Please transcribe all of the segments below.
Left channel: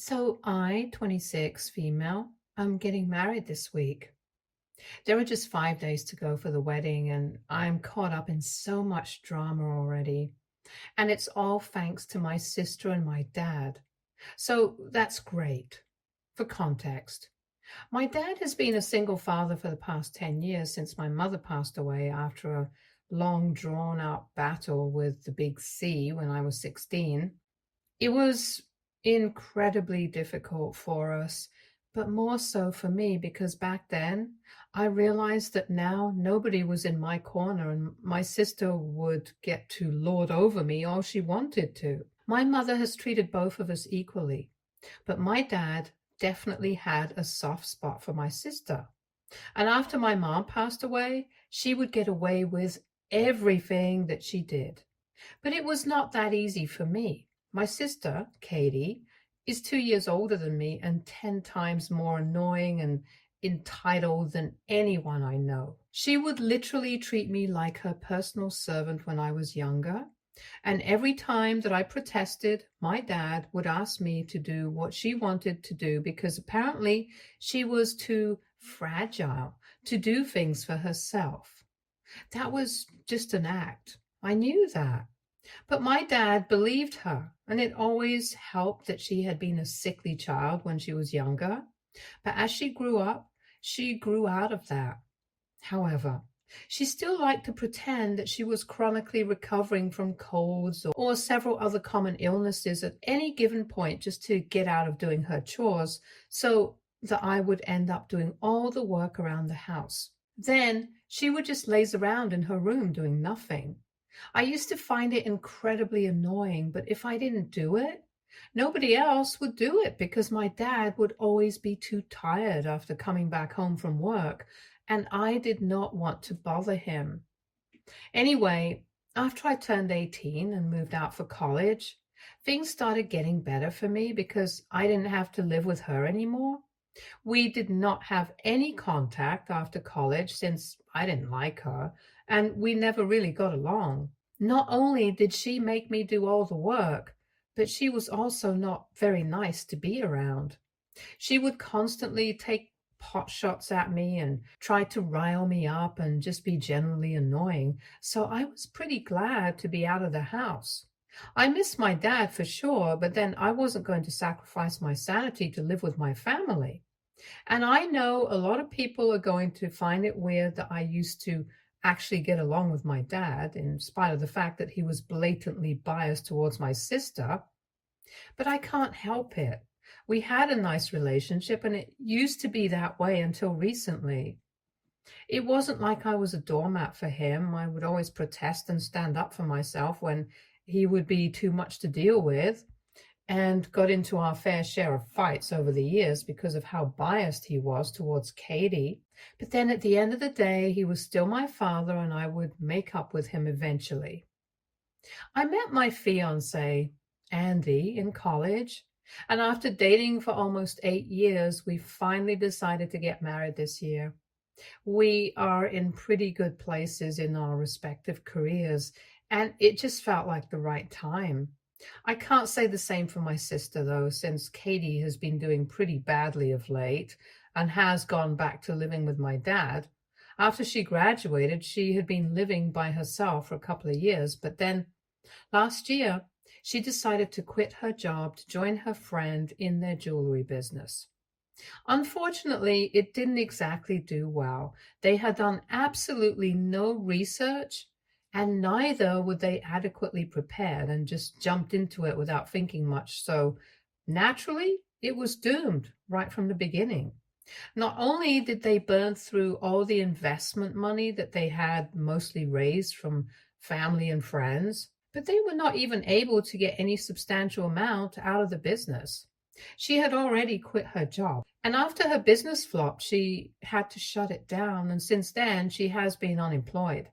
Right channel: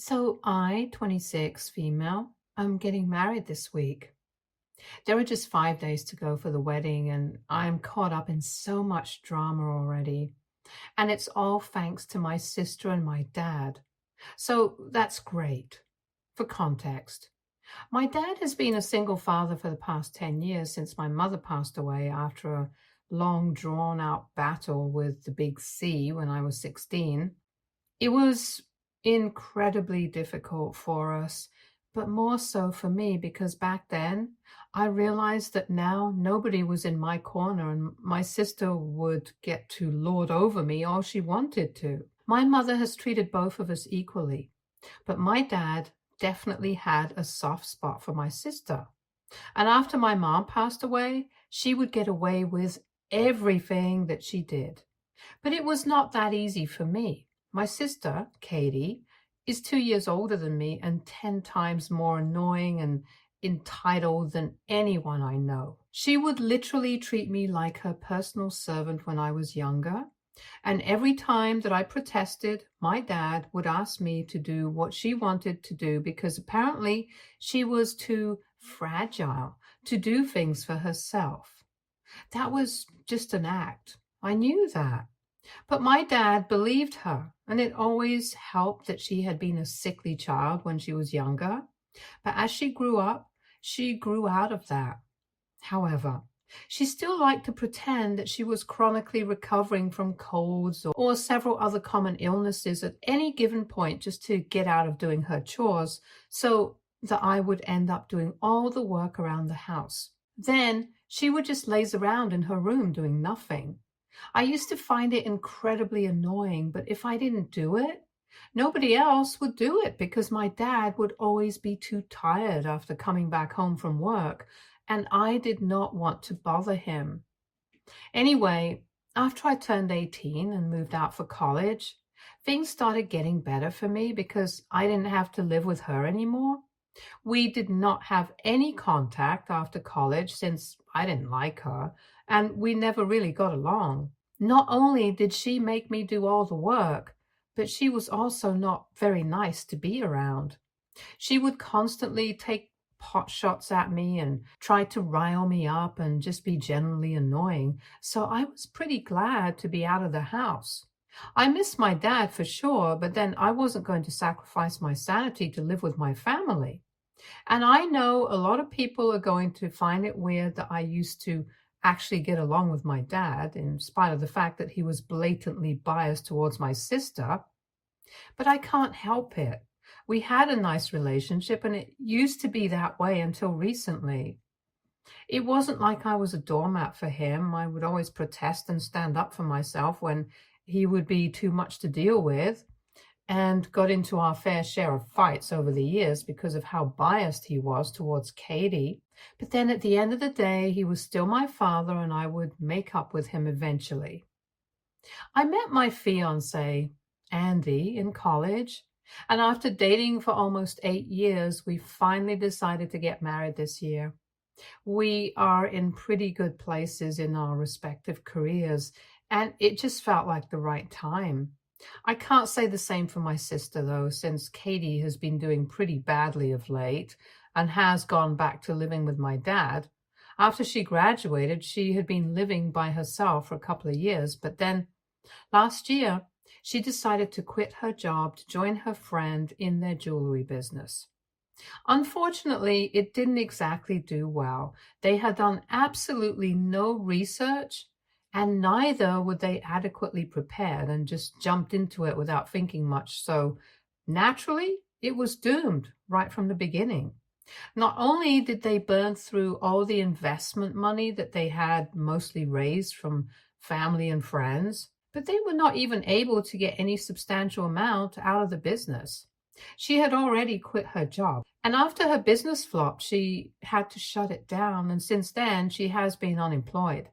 So I, 26, female, I'm getting married this week. There are just 5 days to go for the wedding, and I'm caught up in so much drama already. And it's all thanks to my sister and my dad. So that's great. For context, my dad has been a single father for the past 10 years since my mother passed away after a long, drawn out battle with the big C when I was 16. It was incredibly difficult for us, but more so for me because back then I realized that now nobody was in my corner and my sister would get to lord over me all she wanted to. My mother has treated both of us equally, but my dad definitely had a soft spot for my sister. And after my mom passed away, she would get away with everything that she did. But it was not that easy for me. My sister, Katie, is 2 years older than me and 10 times more annoying and entitled than anyone I know. She would literally treat me like her personal servant when I was younger. And every time that I protested, my dad would ask me to do what she wanted to do because apparently she was too fragile to do things for herself. That was just an act. I knew that. But my dad believed her, and it always helped that she had been a sickly child when she was younger. But as she grew up, she grew out of that. However, she still liked to pretend that she was chronically recovering from colds or several other common illnesses at any given point just to get out of doing her chores, so that I would end up doing all the work around the house. Then she would just laze around in her room doing nothing. I used to find it incredibly annoying, but if I didn't do it, nobody else would do it because my dad would always be too tired after coming back home from work, and I did not want to bother him. Anyway, after I turned 18 and moved out for college, things started getting better for me because I didn't have to live with her anymore. We did not have any contact after college since I didn't like her, and we never really got along. Not only did she make me do all the work, but she was also not very nice to be around. She would constantly take pot shots at me and try to rile me up and just be generally annoying, so I was pretty glad to be out of the house. I miss my dad for sure, but then I wasn't going to sacrifice my sanity to live with my family. And I know a lot of people are going to find it weird that I used to actually get along with my dad, in spite of the fact that he was blatantly biased towards my sister. But I can't help it. We had a nice relationship, and it used to be that way until recently. It wasn't like I was a doormat for him. I would always protest and stand up for myself when he would be too much to deal with, and got into our fair share of fights over the years because of how biased he was towards Katie. But then at the end of the day, he was still my father, and I would make up with him eventually. I met my fiance, Andy, in college, and after dating for almost 8 years, we finally decided to get married this year. We are in pretty good places in our respective careers, and it just felt like the right time. I can't say the same for my sister, though, since Katie has been doing pretty badly of late and has gone back to living with my dad. After she graduated, she had been living by herself for a couple of years, but then last year, she decided to quit her job to join her friend in their jewelry business. Unfortunately, it didn't exactly do well. They had done absolutely no research, and neither were they adequately prepared and just jumped into it without thinking much. So naturally, it was doomed right from the beginning. Not only did they burn through all the investment money that they had mostly raised from family and friends, but they were not even able to get any substantial amount out of the business. She had already quit her job, and after her business flopped, she had to shut it down, and since then, she has been unemployed.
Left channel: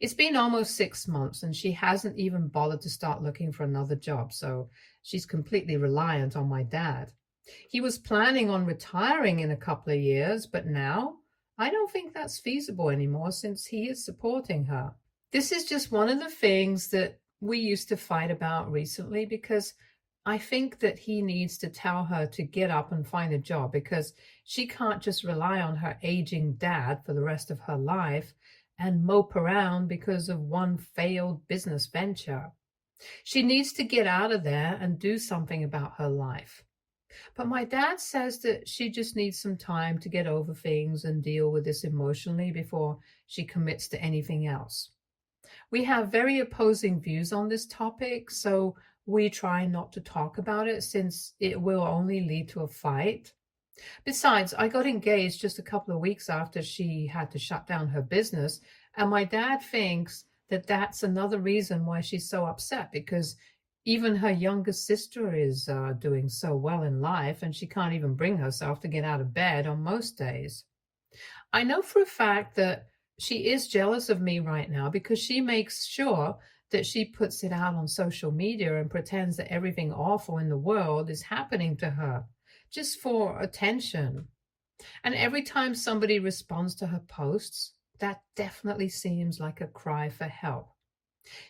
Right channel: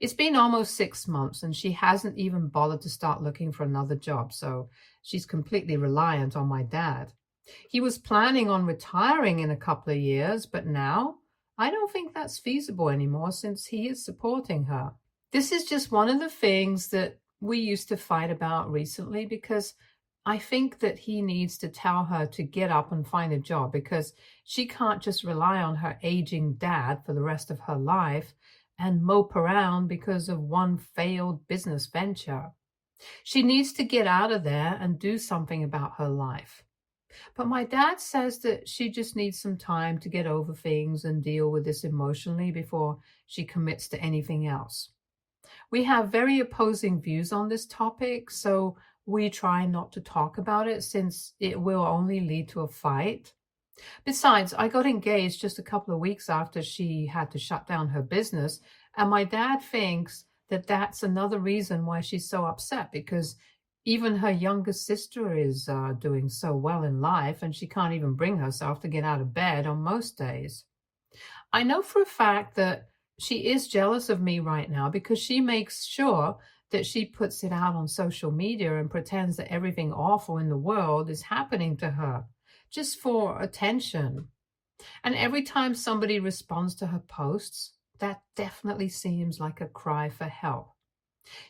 It's been almost 6 months, and she hasn't even bothered to start looking for another job, so she's completely reliant on my dad. He was planning on retiring in a couple of years, but now I don't think that's feasible anymore since he is supporting her. This is just one of the things that we used to fight about recently because I think that he needs to tell her to get up and find a job because she can't just rely on her aging dad for the rest of her life and mope around because of one failed business venture. She needs to get out of there and do something about her life. But my dad says that she just needs some time to get over things and deal with this emotionally before she commits to anything else. We have very opposing views on this topic, so we try not to talk about it since it will only lead to a fight. Besides, I got engaged just a couple of weeks after she had to shut down her business, and my dad thinks that that's another reason why she's so upset because even her younger sister is doing so well in life, and she can't even bring herself to get out of bed on most days. I know for a fact that she is jealous of me right now because she makes sure that she puts it out on social media and pretends that everything awful in the world is happening to her just for attention. And every time somebody responds to her posts, that definitely seems like a cry for help.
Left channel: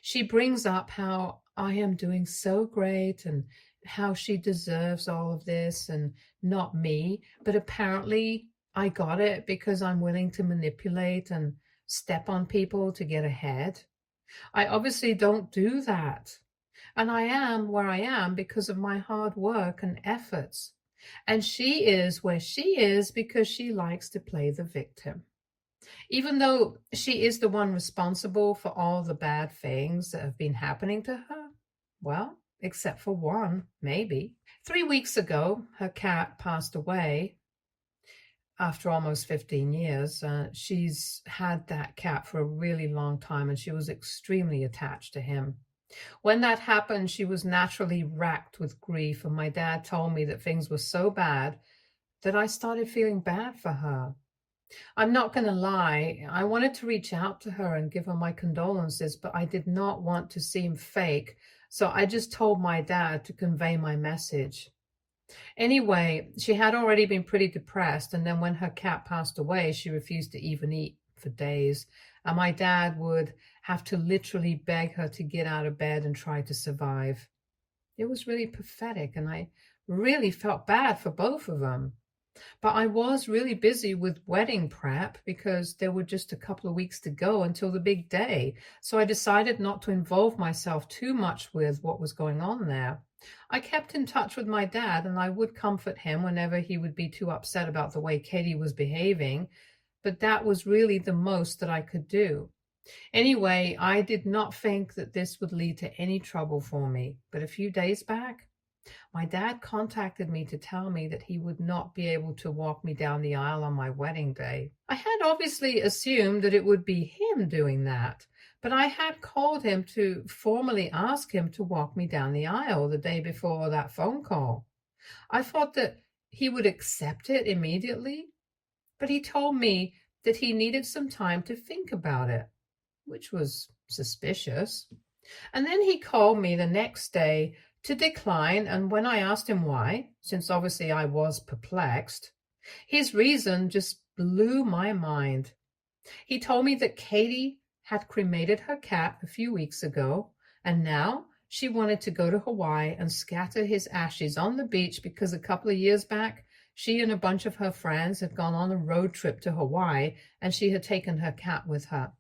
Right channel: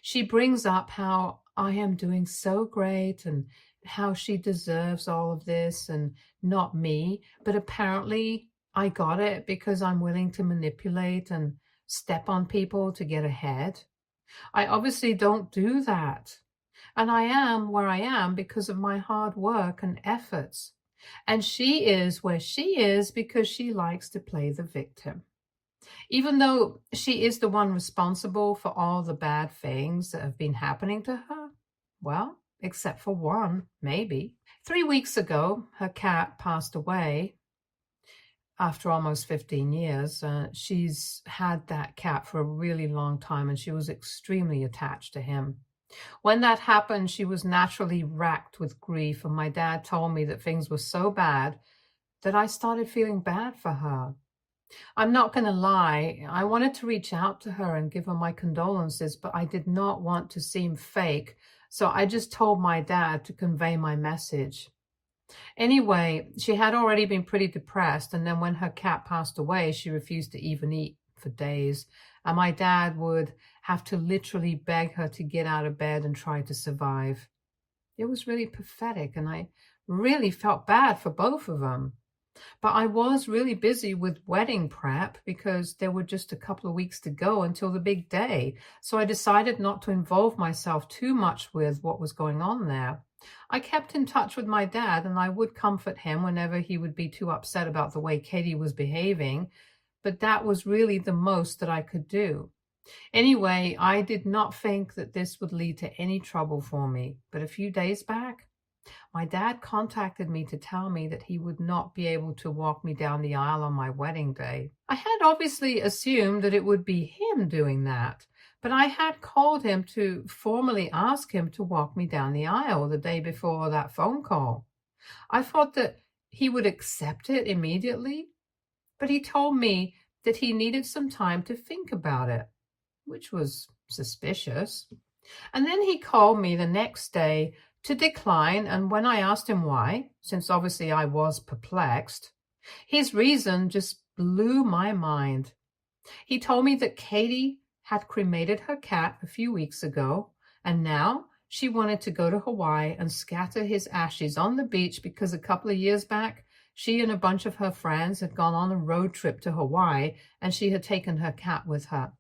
She brings up how I am doing so great and how she deserves all of this and not me. But apparently, I got it because I'm willing to manipulate and step on people to get ahead. I obviously don't do that. And I am where I am because of my hard work and efforts. And she is where she is because she likes to play the victim. Even though she is the one responsible for all the bad things that have been happening to her, well, except for one, maybe. 3 weeks ago, her cat passed away after almost 15 years. She's had that cat for a really long time and she was extremely attached to him. When that happened, she was naturally racked with grief, and my dad told me that things were so bad that I started feeling bad for her. I'm not going to lie, I wanted to reach out to her and give her my condolences, but I did not want to seem fake, so I just told my dad to convey my message. Anyway, she had already been pretty depressed, and then when her cat passed away, she refused to even eat for days, and my dad would have to literally beg her to get out of bed and try to survive. It was really pathetic, and I really felt bad for both of them. But I was really busy with wedding prep because there were just a couple of weeks to go until the big day. So I decided not to involve myself too much with what was going on there. I kept in touch with my dad and I would comfort him whenever he would be too upset about the way Katie was behaving, but that was really the most that I could do. Anyway, I did not think that this would lead to any trouble for me, but a few days back, my dad contacted me to tell me that he would not be able to walk me down the aisle on my wedding day. I had obviously assumed that it would be him doing that, but I had called him to formally ask him to walk me down the aisle the day before that phone call. I thought that he would accept it immediately, but he told me that he needed some time to think about it, which was suspicious. And then he called me the next day to decline, and when I asked him why, since obviously I was perplexed, his reason just blew my mind. He told me that Katie had cremated her cat a few weeks ago, and now she wanted to go to Hawaii and scatter his ashes on the beach because a couple of years back, she and a bunch of her friends had gone on a road trip to Hawaii, and she had taken her cat with her.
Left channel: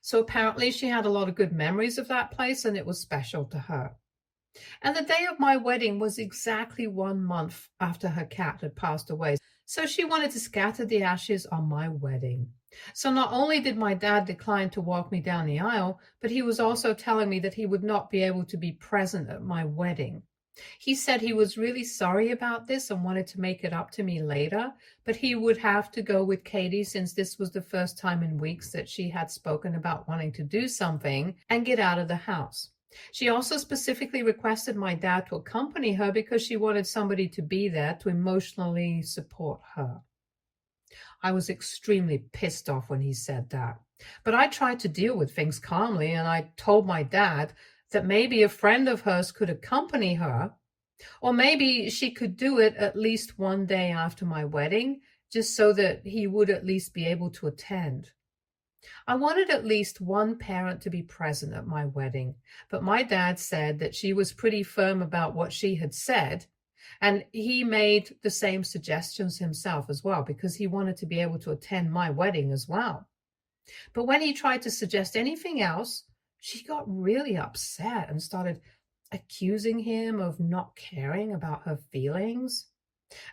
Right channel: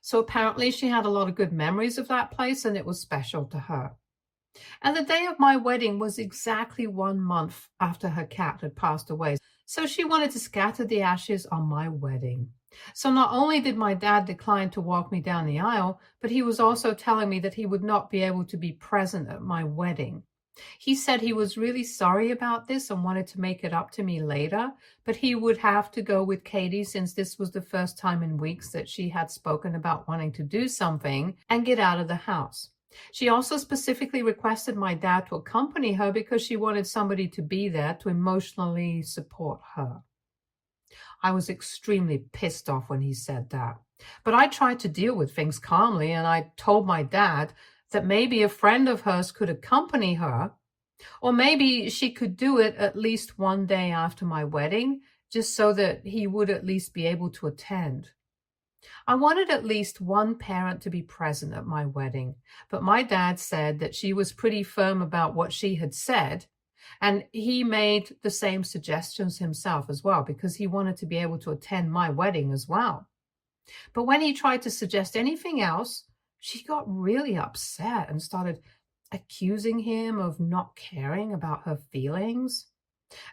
So apparently she had a lot of good memories of that place, and it was special to her. And the day of my wedding was exactly 1 month after her cat had passed away. So she wanted to scatter the ashes on my wedding. So not only did my dad decline to walk me down the aisle, but he was also telling me that he would not be able to be present at my wedding. He said he was really sorry about this and wanted to make it up to me later, but he would have to go with Katie since this was the first time in weeks that she had spoken about wanting to do something and get out of the house. She also specifically requested my dad to accompany her because she wanted somebody to be there to emotionally support her. I was extremely pissed off when he said that. But I tried to deal with things calmly, and I told my dad that maybe a friend of hers could accompany her, or maybe she could do it at least one day after my wedding, just so that he would at least be able to attend. I wanted at least one parent to be present at my wedding, but my dad said that she was pretty firm about what she had said, and he made the same suggestions himself as well because he wanted to be able to attend my wedding as well. But when he tried to suggest anything else, she got really upset and started accusing him of not caring about her feelings.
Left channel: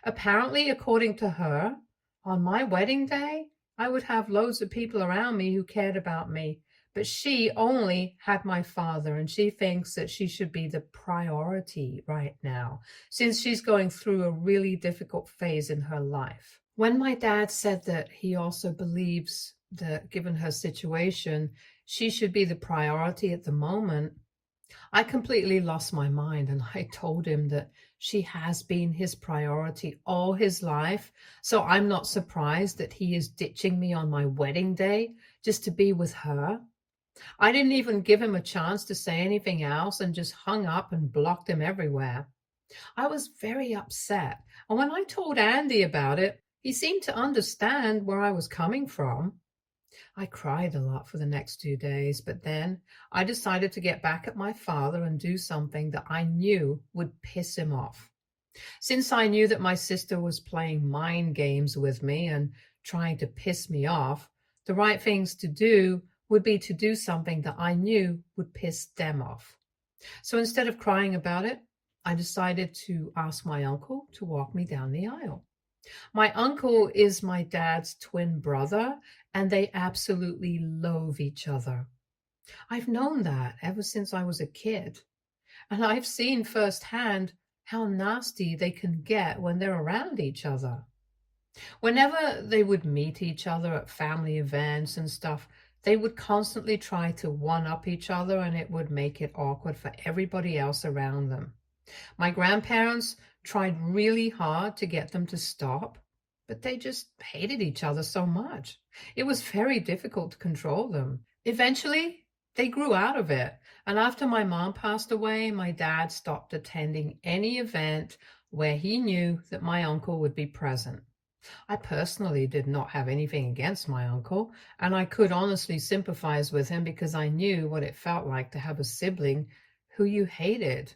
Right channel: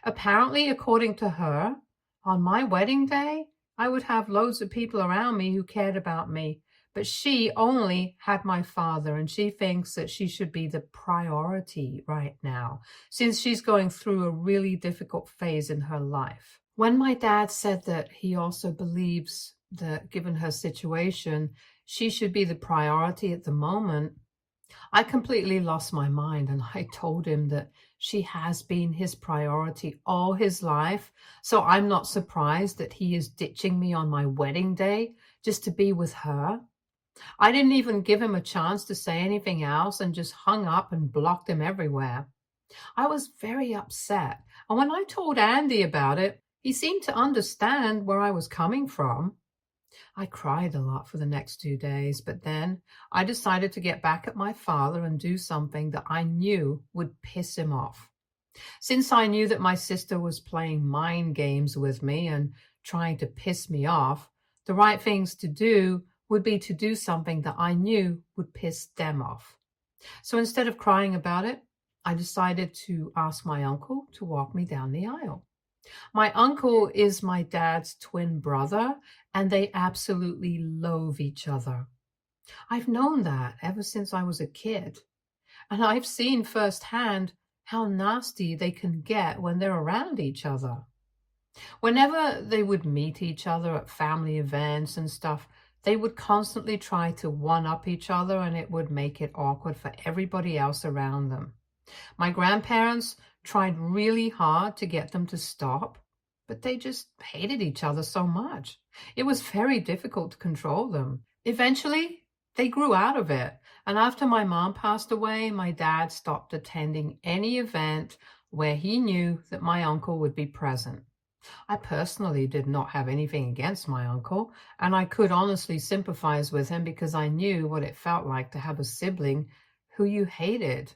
Apparently, according to her, on my wedding day, I would have loads of people around me who cared about me, but she only had my father, and she thinks that she should be the priority right now, since she's going through a really difficult phase in her life. When my dad said that he also believes that given her situation, she should be the priority at the moment, I completely lost my mind and I told him that she has been his priority all his life. So I'm not surprised that he is ditching me on my wedding day just to be with her. I didn't even give him a chance to say anything else and just hung up and blocked him everywhere. I was very upset. And when I told Andy about it, he seemed to understand where I was coming from. I cried a lot for the next 2 days, but then I decided to get back at my father and do something that I knew would piss him off. Since I knew that my sister was playing mind games with me and trying to piss me off, the right things to do would be to do something that I knew would piss them off. So instead of crying about it, I decided to ask my uncle to walk me down the aisle. My uncle is my dad's twin brother, and they absolutely loathe each other. I've known that ever since I was a kid, and I've seen firsthand how nasty they can get when they're around each other. Whenever they would meet each other at family events and stuff, they would constantly try to one-up each other, and it would make it awkward for everybody else around them. My grandparents tried really hard to get them to stop, but they just hated each other so much. It was very difficult to control them. Eventually, they grew out of it. And after my mom passed away, my dad stopped attending any event where he knew that my uncle would be present. I personally did not have anything against my uncle, and I could honestly sympathize with him because I knew what it felt like to have a sibling who you hated.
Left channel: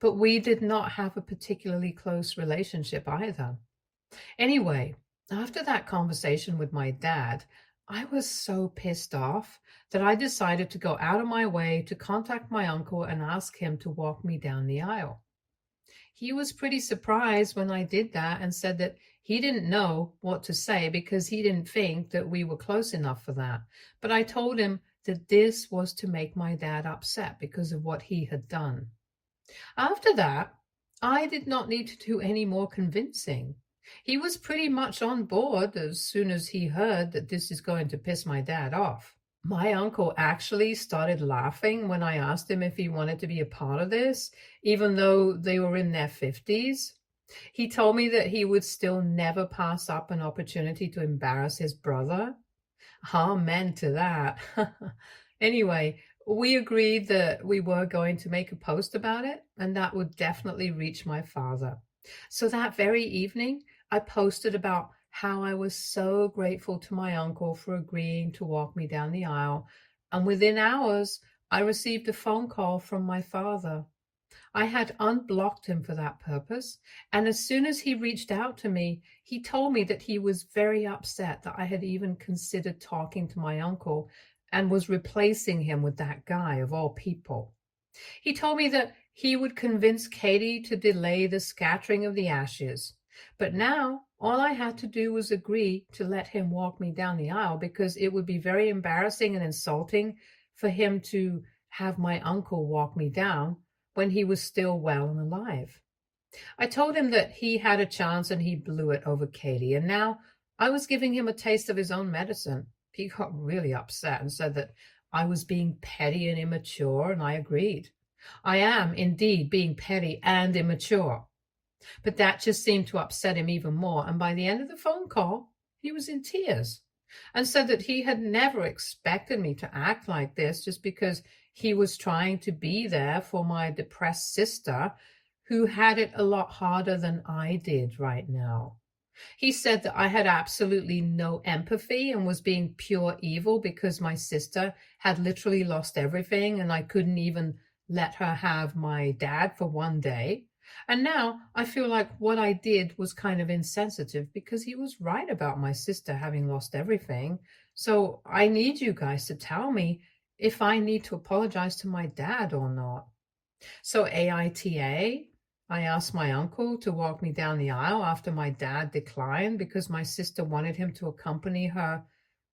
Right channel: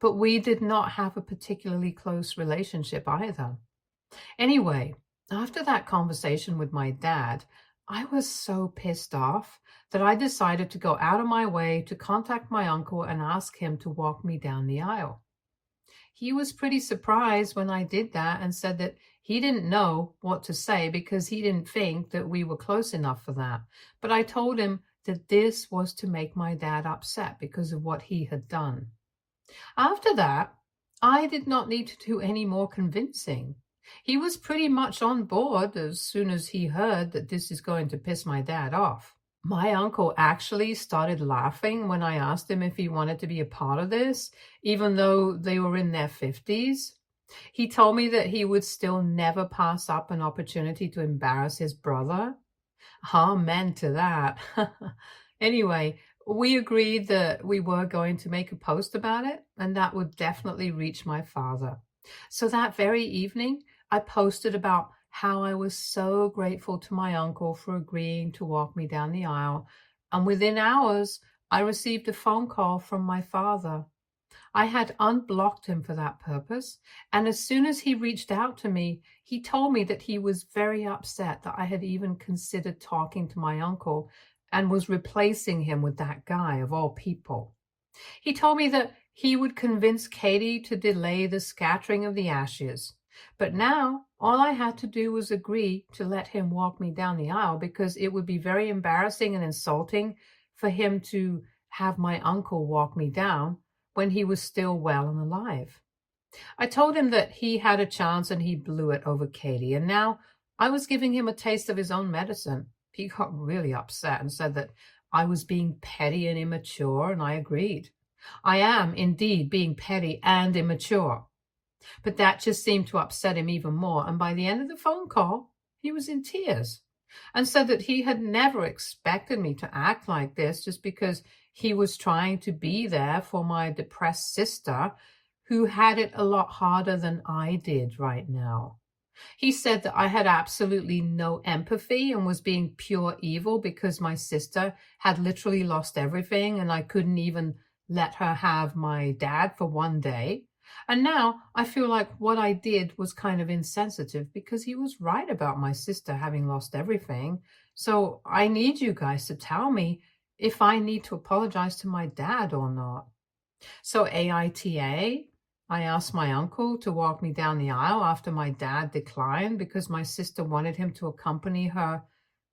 But we did not have a particularly close relationship either. Anyway, after that conversation with my dad, I was so pissed off that I decided to go out of my way to contact my uncle and ask him to walk me down the aisle. He was pretty surprised when I did that and said that he didn't know what to say because he didn't think that we were close enough for that. But I told him that this was to make my dad upset because of what he had done. After that, I did not need to do any more convincing. He was pretty much on board as soon as he heard that this is going to piss my dad off. My uncle actually started laughing when I asked him if he wanted to be a part of this, even though they were in their 50s. He told me that he would still never pass up an opportunity to embarrass his brother. Amen to that. Anyway, we agreed that we were going to make a post about it, and that would definitely reach my father. So that very evening, I posted about how I was so grateful to my uncle for agreeing to walk me down the aisle, and within hours, I received a phone call from my father. I had unblocked him for that purpose, and as soon as he reached out to me, he told me that he was very upset that I had even considered talking to my uncle and was replacing him with that guy of all people. He told me that he would convince Katie to delay the scattering of the ashes. But now all I had to do was agree to let him walk me down the aisle because it would be very embarrassing and insulting for him to have my uncle walk me down when he was still well and alive. I told him that he had a chance and he blew it over Katie, and now I was giving him a taste of his own medicine. He got really upset and said that I was being petty and immature, and I agreed. I am indeed being petty and immature. But that just seemed to upset him even more, and by the end of the phone call, he was in tears and said that he had never expected me to act like this just because he was trying to be there for my depressed sister who had it a lot harder than I did right now. He said that I had absolutely no empathy and was being pure evil because my sister had literally lost everything and I couldn't even let her have my dad for one day. And now I feel like what I did was kind of insensitive because he was right about my sister having lost everything. So I need you guys to tell me if I need to apologize to my dad or not. So AITA, I asked my uncle to walk me down the aisle after my dad declined because my sister wanted him to accompany her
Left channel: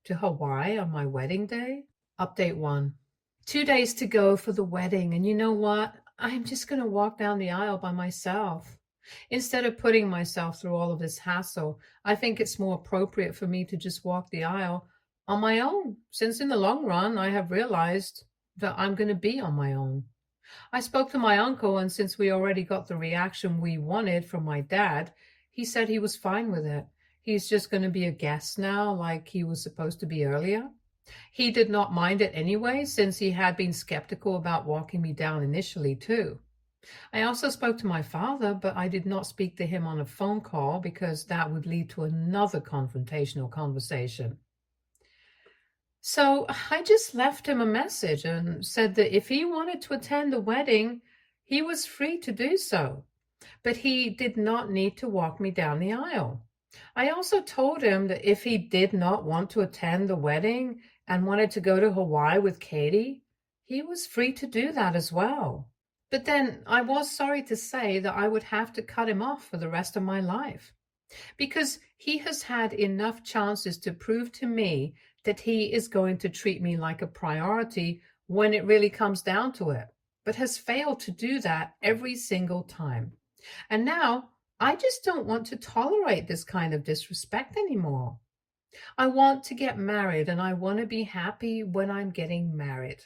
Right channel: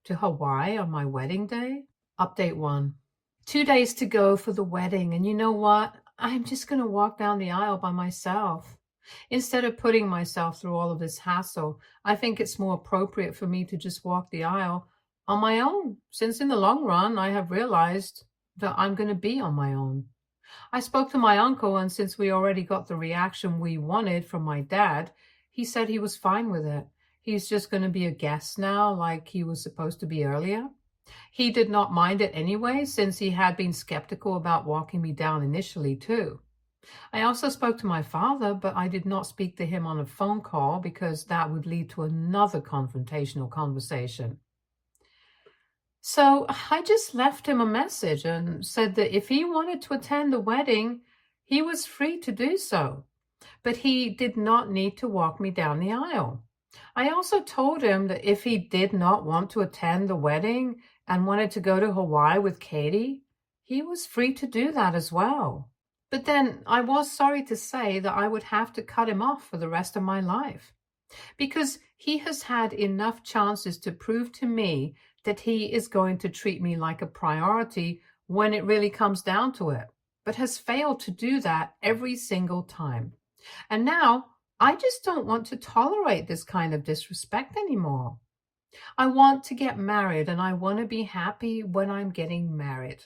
to Hawaii on my wedding day. Update one. 2 days to go for the wedding. And you know what? I'm just going to walk down the aisle by myself. Instead of putting myself through all of this hassle, I think it's more appropriate for me to just walk the aisle on my own, since in the long run, I have realized that I'm going to be on my own. I spoke to my uncle, and since we already got the reaction we wanted from my dad, he said he was fine with it. He's just going to be a guest now, like he was supposed to be earlier. He did not mind it anyway, since he had been skeptical about walking me down initially, too. I also spoke to my father, but I did not speak to him on a phone call because that would lead to another confrontational conversation. So I just left him a message and said that if he wanted to attend the wedding, he was free to do so, but he did not need to walk me down the aisle. I also told him that if he did not want to attend the wedding and wanted to go to Hawaii with Katie, he was free to do that as well. But then I was sorry to say that I would have to cut him off for the rest of my life, because he has had enough chances to prove to me that he is going to treat me like a priority when it really comes down to it, but has failed to do that every single time. And now I just don't want to tolerate this kind of disrespect anymore. I want to get married and I want to be happy when I'm getting married.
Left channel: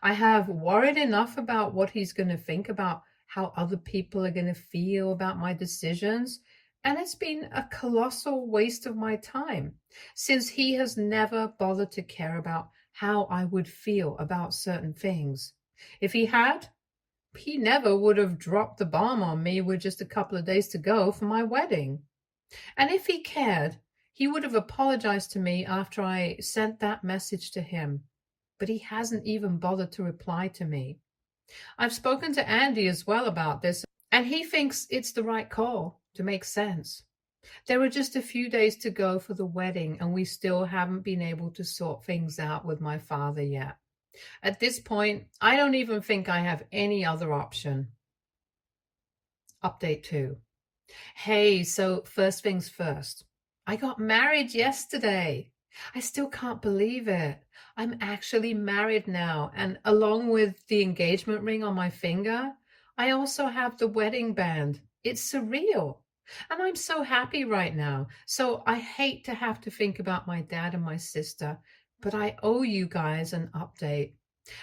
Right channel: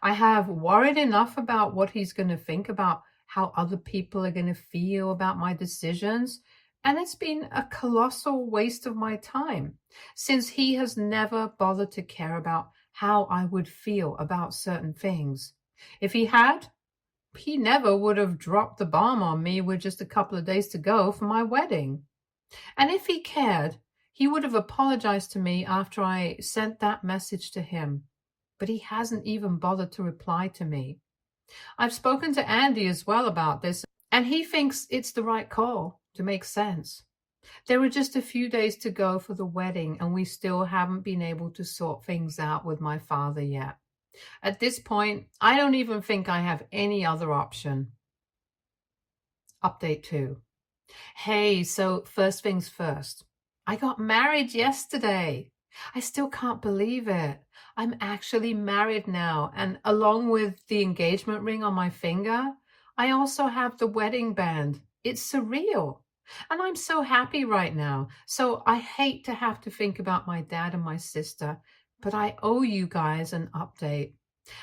I have worried enough about what he's going to think about how other people are going to feel about my decisions. And it's been a colossal waste of my time since he has never bothered to care about how I would feel about certain things. If he had, he never would have dropped the bomb on me with just a couple of days to go for my wedding. And if he cared, he would have apologized to me after I sent that message to him. But he hasn't even bothered to reply to me. I've spoken to Andy as well about this, and he thinks it's the right call to make sense. There are just a few days to go for the wedding, and we still haven't been able to sort things out with my father yet. At this point, I don't even think I have any other option. Update 2. Hey, so first things first. I got married yesterday. I still can't believe it. I'm actually married now, and along with the engagement ring on my finger, I also have the wedding band. It's surreal. And I'm so happy right now. So I hate to have to think about my dad and my sister, but I owe you guys an update,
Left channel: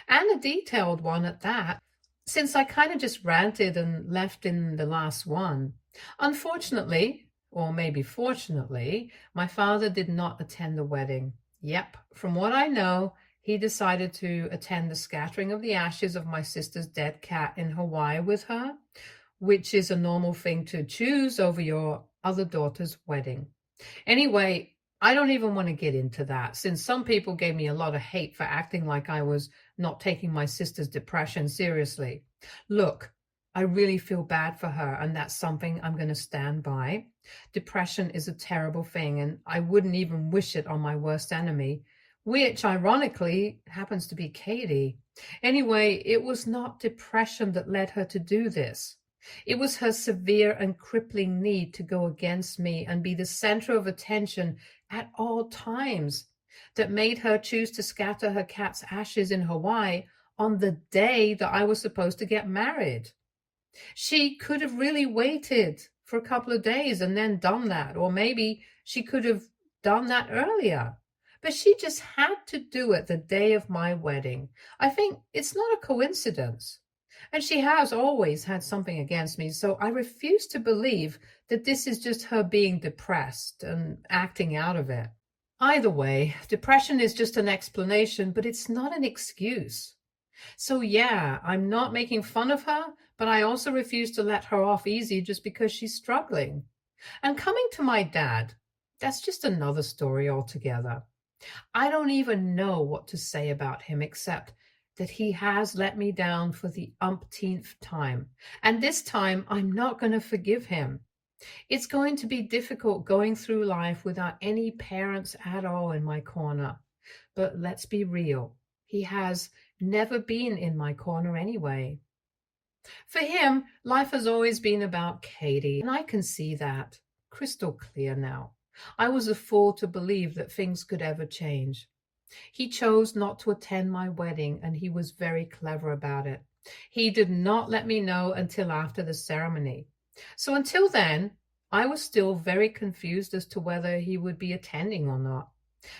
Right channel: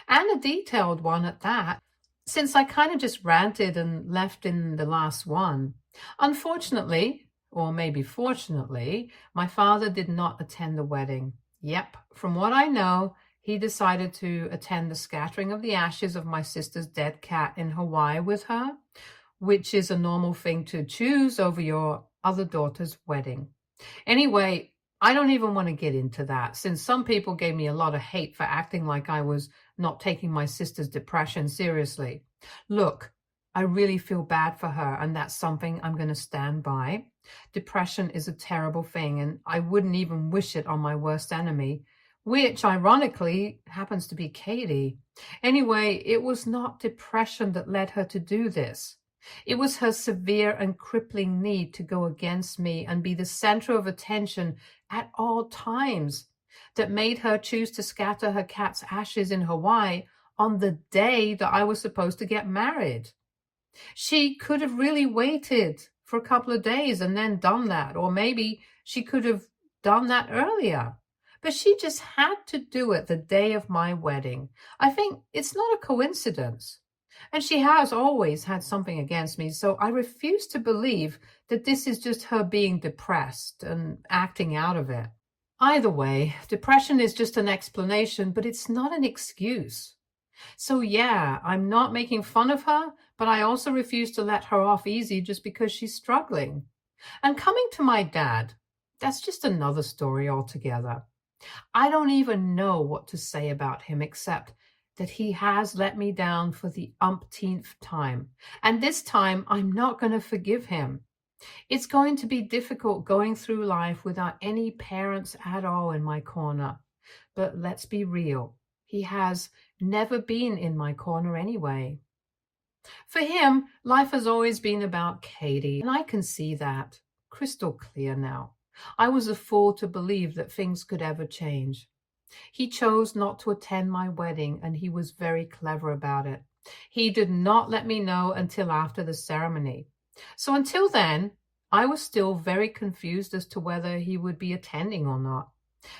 and a detailed one at that, since I kind of just ranted and left in the last one. Unfortunately, or maybe fortunately, my father did not attend the wedding. Yep, from what I know, he decided to attend the scattering of the ashes of my sister's dead cat in Hawaii with her, which is a normal thing to choose over your other daughter's wedding. Anyway, I don't even want to get into that, since some people gave me a lot of hate for acting like I was not taking my sister's depression seriously. Look, I really feel bad for her, and that's something I'm going to stand by. Depression is a terrible thing, and I wouldn't even wish it on my worst enemy, which ironically happens to be Katie. Anyway, it was not depression that led her to do this. It was her severe and crippling need to go against me and be the center of attention at all times that made her choose to scatter her cat's ashes in Hawaii on the day that I was supposed to get married. She could have really waited for a couple of days and then done that, or maybe she could have done that earlier. But she just had to do it the day of my wedding. I think it's not a coincidence. And she has always had something against me, so I refuse to believe that this is just her being depressed and acting out of it. Either way, depression is just an explanation, but it's not an excuse. So yeah, I'm not making fun of her, but I also refuse to let her off easy just because she's struggling. And coming to my dad, that's just another story altogether. I don't even know what to say about him except that he has let me down for the umpteenth time. And this time, I'm not going to forgive him. It's going to be difficult going through life without any parents at all in my corner. But let's be real, he has never been in my corner anyway. For him, life has always been about Katie, and I can see that crystal clear now. I was a fool to believe that things could ever change. He chose not to attend my wedding, and he was very clever about it. He did not let me know until after the ceremony. So until then, I was still very confused as to whether he would be attending or not.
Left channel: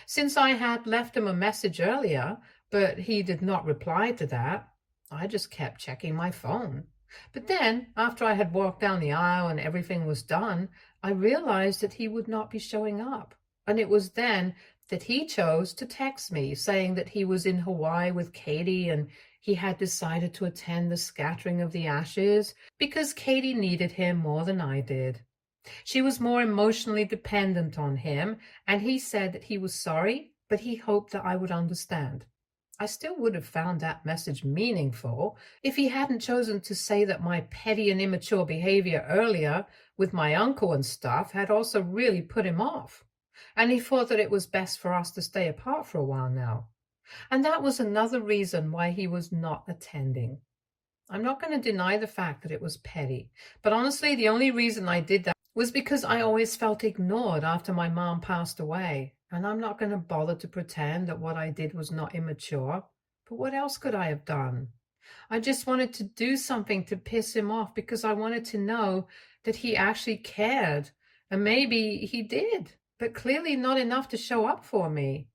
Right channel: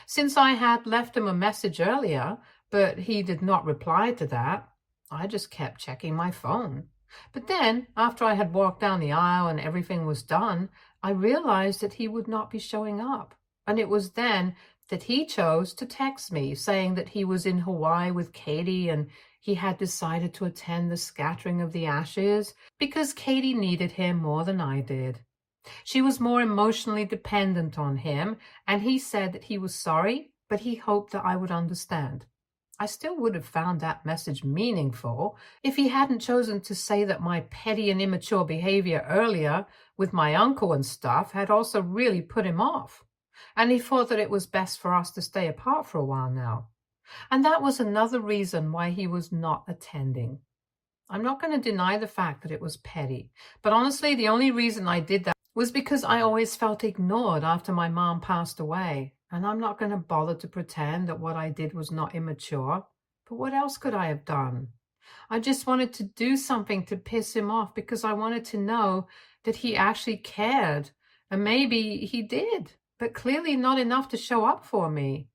Since I had left him a message earlier, but he did not reply to that, I just kept checking my phone. But then, after I had walked down the aisle and everything was done, I realized that he would not be showing up. And it was then that he chose to text me saying that he was in Hawaii with Katie and he had decided to attend the scattering of the ashes because Katie needed him more than I did. She was more emotionally dependent on him, and he said that he was sorry, but he hoped that I would understand. I still would have found that message meaningful if he hadn't chosen to say that my petty and immature behavior earlier with my uncle and stuff had also really put him off. And he thought that it was best for us to stay apart for a while now. And that was another reason why he was not attending. I'm not going to deny the fact that it was petty, but honestly, the only reason I did that was because I always felt ignored after my mom passed away. And I'm not going to bother to pretend that what I did was not immature. But what else could I have done? I just wanted to do something to piss him off because I wanted to know that he actually cared. And maybe he did, but clearly not enough to show up for me.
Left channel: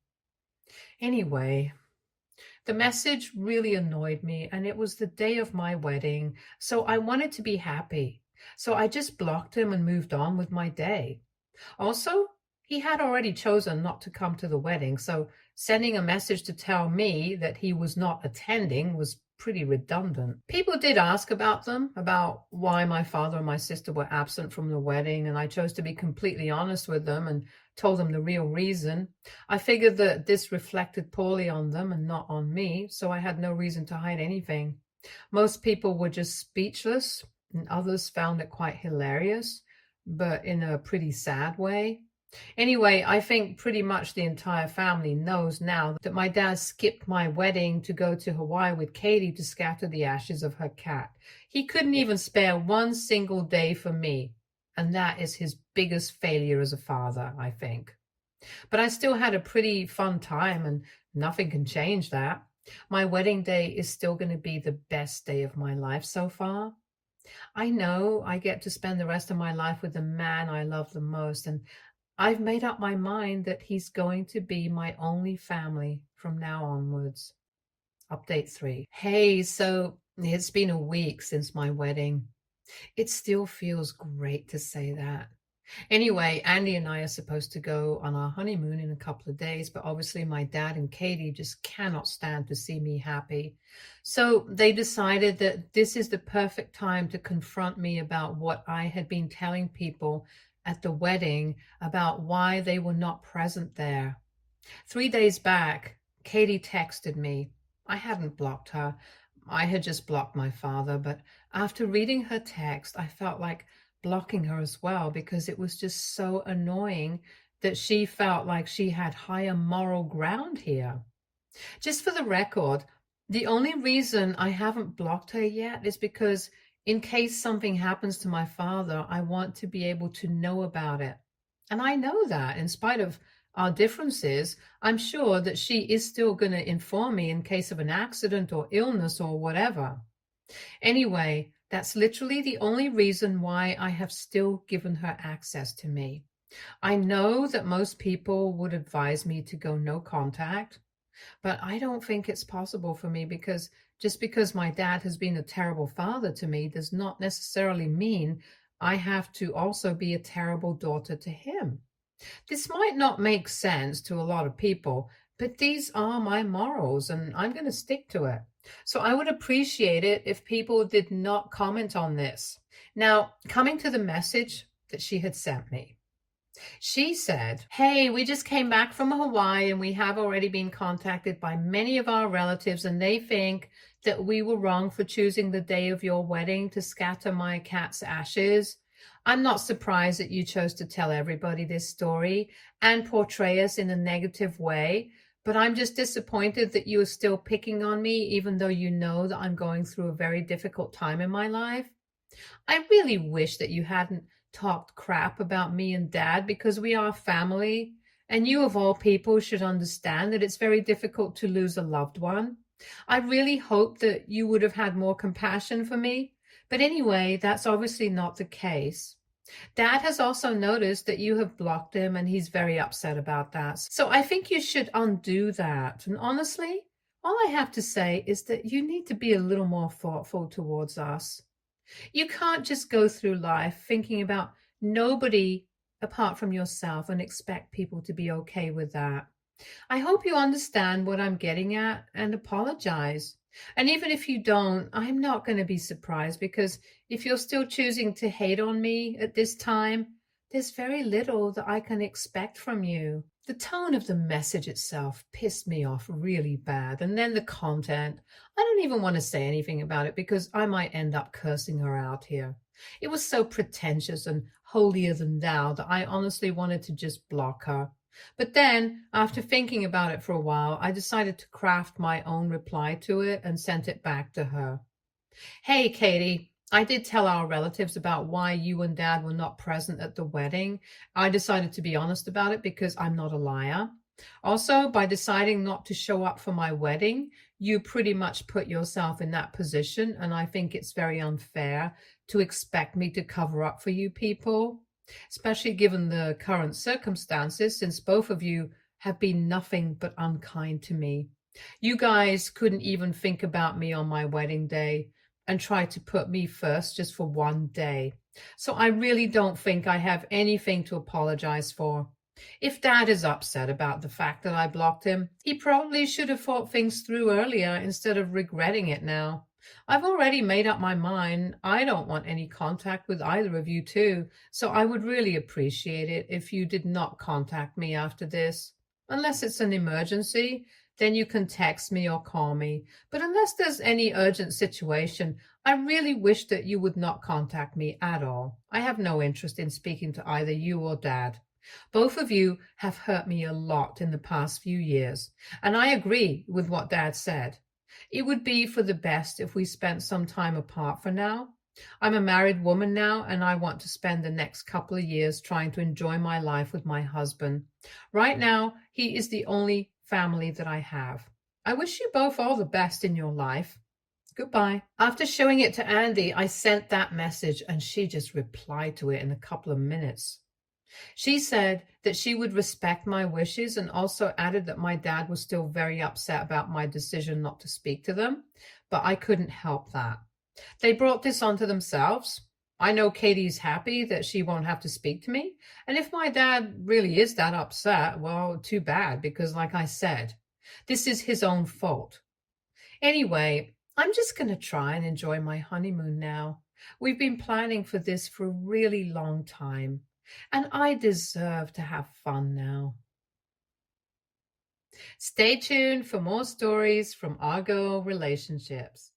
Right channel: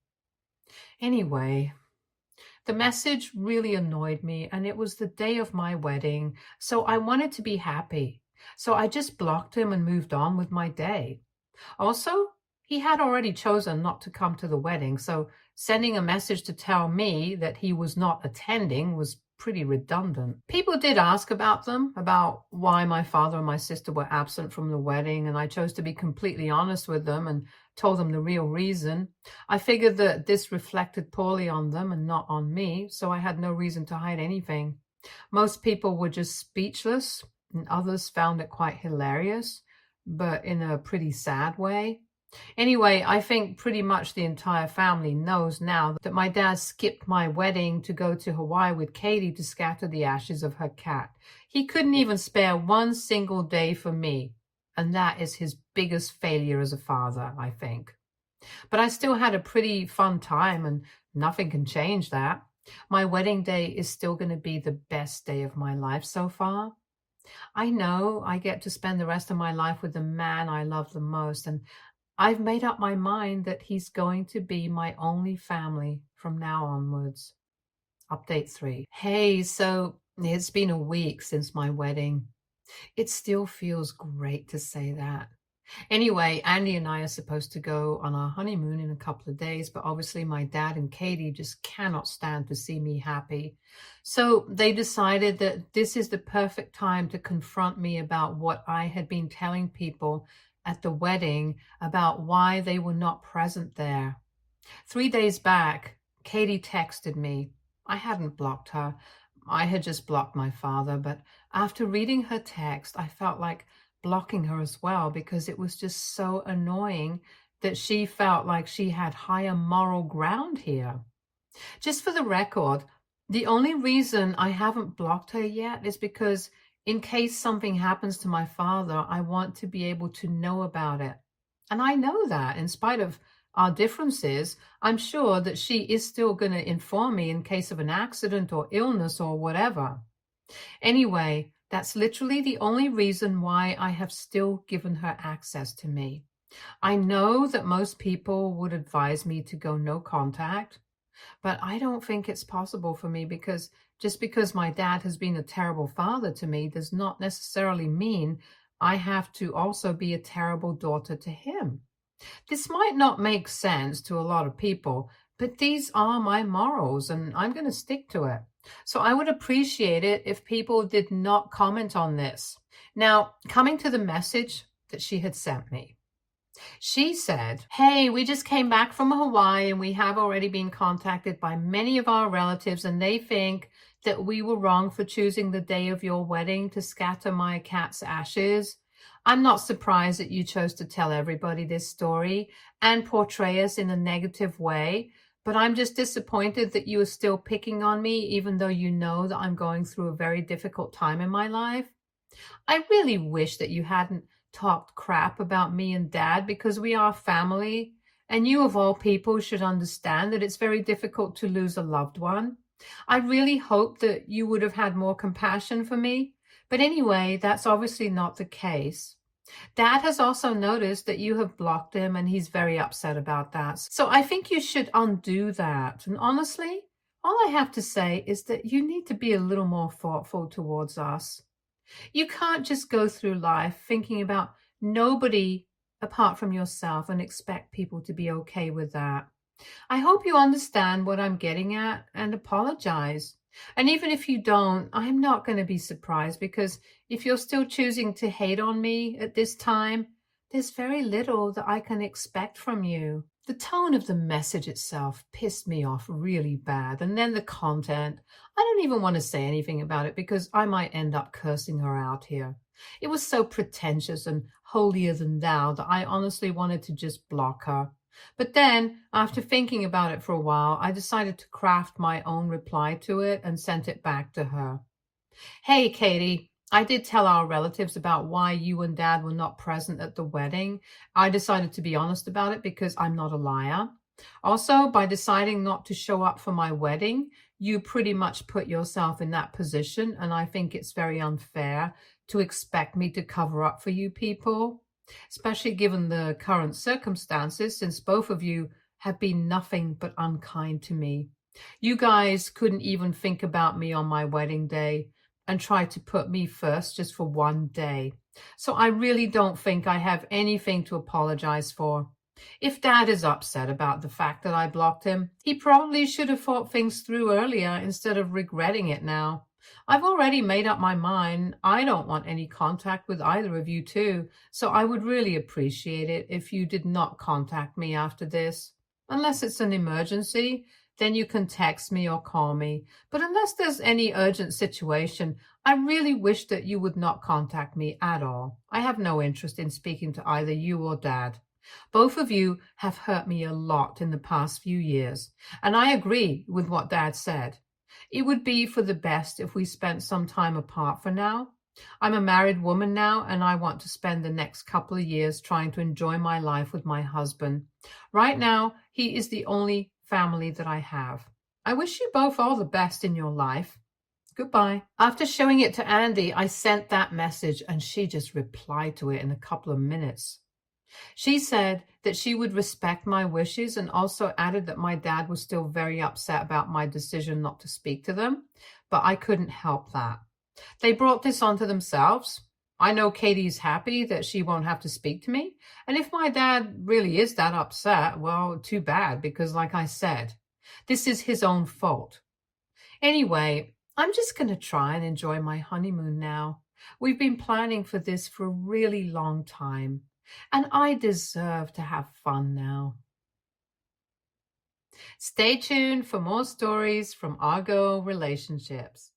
Anyway, the message really annoyed me, and it was the day of my wedding, so I wanted to be happy. So I just blocked him and moved on with my day. Also, he had already chosen not to come to the wedding, so sending a message to tell me that he was not attending was pretty redundant. People did ask about why my father and my sister were absent from the wedding, and I chose to be completely honest with them and told them the real reason. I figured that this reflected poorly on them and not on me, so I had no reason to hide anything. Most people were just speechless, and others found it quite hilarious, but in a pretty sad way. Anyway, I think pretty much the entire family knows now that my dad skipped my wedding to go to Hawaii with Katie to scatter the ashes of her cat. He couldn't even spare one single day for me, and that is his biggest failure as a father, I think. But I still had a pretty fun time, and nothing can change that. My wedding day is still going to be the best day of my life so far. I know I get to spend the rest of my life with the man I love the most, and I've made up my mind that he's going to be my only family from now onwards. Update 3. Hey, so it's been a week since my wedding. It still feels great to say that. Anyway, Andy and I are supposed to go on our honeymoon in a couple of days, but obviously my dad and Katie just cannot stand to see me happy. So they decided that this is the perfect time to confront me about what I had been telling people at the wedding about why they were not present there. 3 days back, Katie texted me. I hadn't blocked her. I had just blocked my father, but after reading her text, I felt like blocking her as well because it was just so annoying that she felt like she had higher moral ground here. Just for the record, the only reason I haven't blocked her yet is because in case something happens to my father, I want to be able to know about it. And I know that in spite of our differences, I'm sure that she is still going to inform me in case of an accident or illness or whatever. Anyway, that's literally the only reason why I have still given her access to me. I know that most people would advise me to go no contact, but I don't think it's possible for me because just because my dad has been a terrible father to me does not necessarily mean I have to also be a terrible daughter to him. This might not make sense to a lot of people, but these are my morals and I'm going to stick to it. So I would appreciate it if people did not comment on this. Now, coming to the message that she had sent me. She said, "Hey, we just came back from Hawaii and we have already been contacted by many of our relatives, and they think that we were wrong for choosing the day of your wedding to scatter my cat's ashes. I'm not surprised that you chose to tell everybody this story and portray us in a negative way, but I'm just disappointed that you are still picking on me, even though you know that I'm going through a very difficult time in my life. I really wish that you hadn't talked crap about me and Dad because we are family, and you, of all people, should understand that it's very difficult to lose a loved one. I really hope that you would have had more compassion for me, but anyway, that's obviously not the case. Dad has also noticed that you have blocked him, and he's very upset about that. So I think you should undo that. And honestly, all I have to say is that you need to be a little more thoughtful towards us. You can't just go through life thinking about nobody apart from yourself and expect people to be okay with that. I hope you understand what I'm getting at and apologize. And even if you don't, I'm not going to be surprised, because if you're still choosing to hate on me at this time, there's very little that I can expect from you. The tone of the message itself pissed me off really bad. And then the content, I don't even want to say anything about it because I might end up cursing her out here. It was so pretentious and holier than thou that I honestly wanted to just block her. But then, after thinking about it for a while, I decided to craft my own reply to it and sent it back to her. "Hey, Katie, I did tell our relatives about why you and Dad were not present at the wedding. I decided to be honest about it because I'm not a liar. Also, by deciding not to show up for my wedding, you pretty much put yourself in that position, and I think it's very unfair to expect me to cover up for you people, especially given the current circumstances, since both of you have been nothing but unkind to me. You guys couldn't even think about me on my wedding day and tried to put me first just for one day. So I really don't think I have anything to apologize for. If Dad is upset about the fact that I blocked him, he probably should have thought things through earlier instead of regretting it now. I've already made up my mind. I don't want any contact with either of you two, so I would really appreciate it if you did not contact me after this. Unless it's an emergency, then you can text me or call me. But unless there's any urgent situation, I really wish that you would not contact me at all. I have no interest in speaking to either you or Dad. Both of you have hurt me a lot in the past few years, and I agree with what Dad said. It would be for the best if we spent some time apart for now. I'm a married woman now, and I want to spend the next couple of years trying to enjoy my life with my husband. Right now, he is the only family that I have. I wish you both all the best in your life. Goodbye." After showing it to Andy, I sent that message, and she just replied to it in a couple of minutes. She said that she would respect my wishes, and also added that my dad was still very upset about my decision not to speak to them, but I couldn't help that. They brought this onto themselves. I know Katie's happy that she won't have to speak to me, and if my dad really is that upset, well, too bad, because like I said, this is his own fault. Anyway, I'm just going to try and enjoy my honeymoon now. We've been planning for this for a really long time, and I deserve to have fun now. Stay tuned for more stories from Argo Relationships.